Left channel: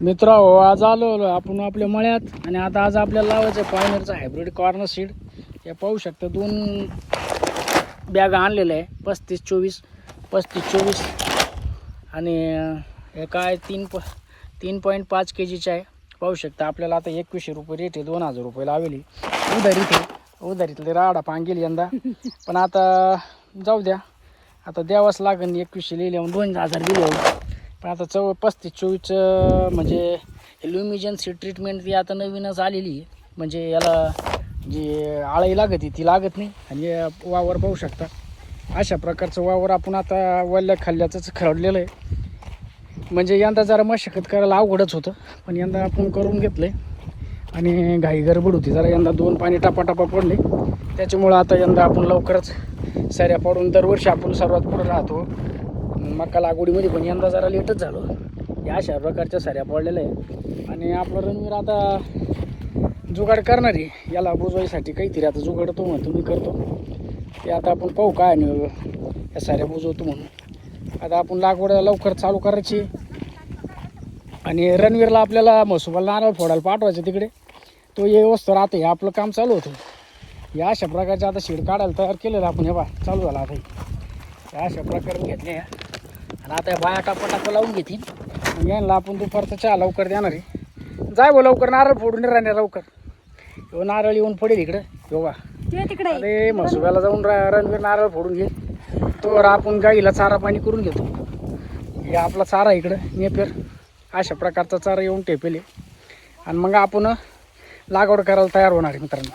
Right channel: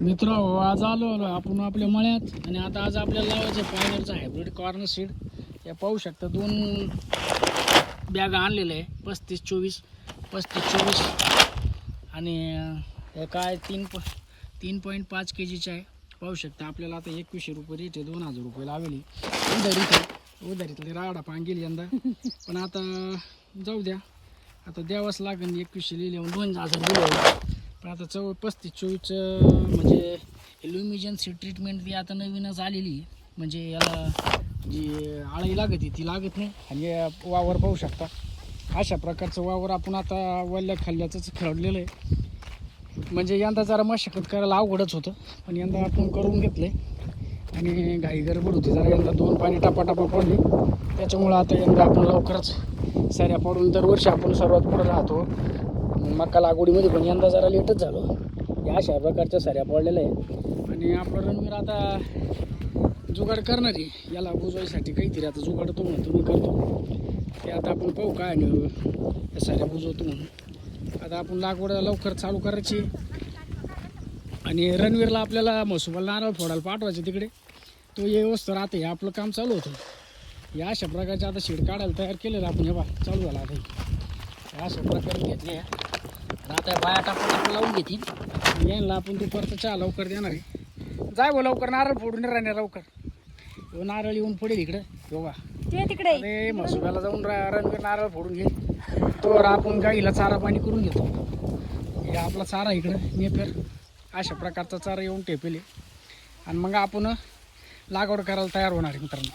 मित्रांनो, आज आलो आपण आपल्या मळ्यात आणि आता आज आपल्याला लावायचं पॉयनरचं हायब्रिड कॉर्न सीड. हे पाहू शकता 2 बॅग आणलेलं आहे 35-24 आणि हे काय 3.5 kgचं आहे. पाहू शकता आपल्याला आता 2100 रुपये रेट आहे. 2000 रुपये लावेली उधारीतले राडा पांगेल यंदा. पण आता जाऊ द्या, आता द्यावाच लागेल. 2100 लिहिले 2000 दिले. पण आता 35-24 म्हणजे ल्युमिजन सीड ट्रीटमेंट ती आता नवीनच आलेली आहे. म्हणजे याला जी आळी लागत ती लागत नाही. आणि वावर पाहू शकता अशा प्रकारचं वावर आपण आता वल्ल्या खाल्ल्याचंच खरडलेलं आहे. म्हणजे यंदा जरा मशागत करायला अवघडच होतं, पण यंदा आपण करून घेतलं आहे. आणि घाई गडबड होती जरा यंदा, 2 पाणी टापा पडले. त्याच्यामुळं आता यंदा आपण लवकरच सऱ्या पाडून, दरवर्षी आपण सर्वात पुढं राहतो मका लागवडीमध्ये, पण यंदा जरा लेटच झालो. या अशा प्रकारच्या सऱ्या पडलेल्या आहे. आणि आपलं रणवीर आता जुगाड करणार आहे याला बुजवायसाठी काहीतरी. आता जुगाड तो म्हणतो मी करतो ते. आता आपण पाहू काय आणि त्या साऱ्या बुजवतो म्हणून. आता आपण लागवड लवकर चालू करायची. आणि रणवीरला आपल्याला म्हसोबाला नारळ फोडायला पाठवायचं तिकडे. तो ये व्यवस्था राहते, आपलं काम चालू होतं. या अशा प्रकारचे आता सीड काढायला तयार केलेलं आपण. हे बा चालू झाला आता. या अशा प्रकारे घेतले या. आणि आता बाया टापा लावून घेतील. यांना आपण दुपारचा चहा लवकर देणार आहे. जाय बो लवकर, नारळ फोडून राहणार लवकर. हो नारळ येऊन पडेल इकडं. हो बा तिकडे अरे म्हसोबाला जाऊन रणवीर नारळ फोडून घेईल. तो आपण गाईला चारा पाणी करून घेतो. हे आपला चारा इकडं नेपेर अशा प्रकारचा चारा येऊन टेपेल. आणि मग आपण लागवड करायला तयार होणार आहे मित्रांनो.